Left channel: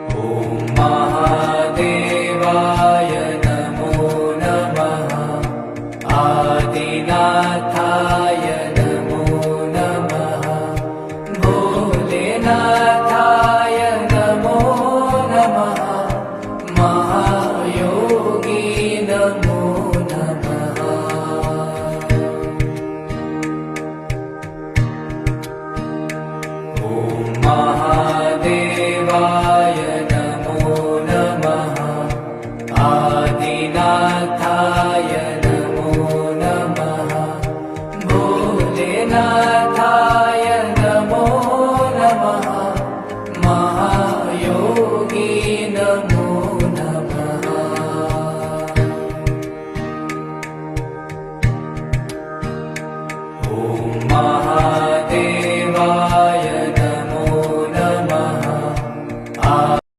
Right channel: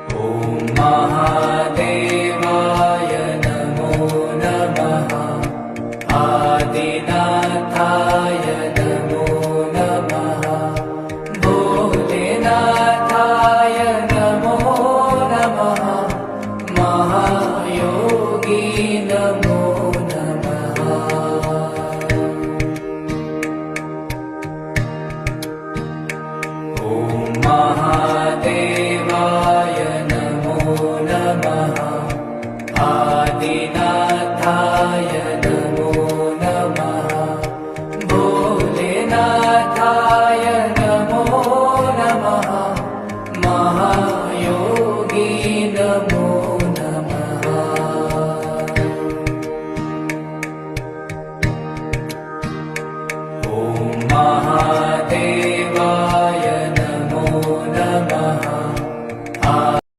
ॐ महादेवाय नमो नमः। आदिनाथाय नमो नमः। भोलेनाथाय नमो नमः। महायोगी नमो नमः। ॐ महादेवाय नमो नमः। आदिनाथाय नमो नमः। भोलेनाथाय नमो नमः। महायोगी नमो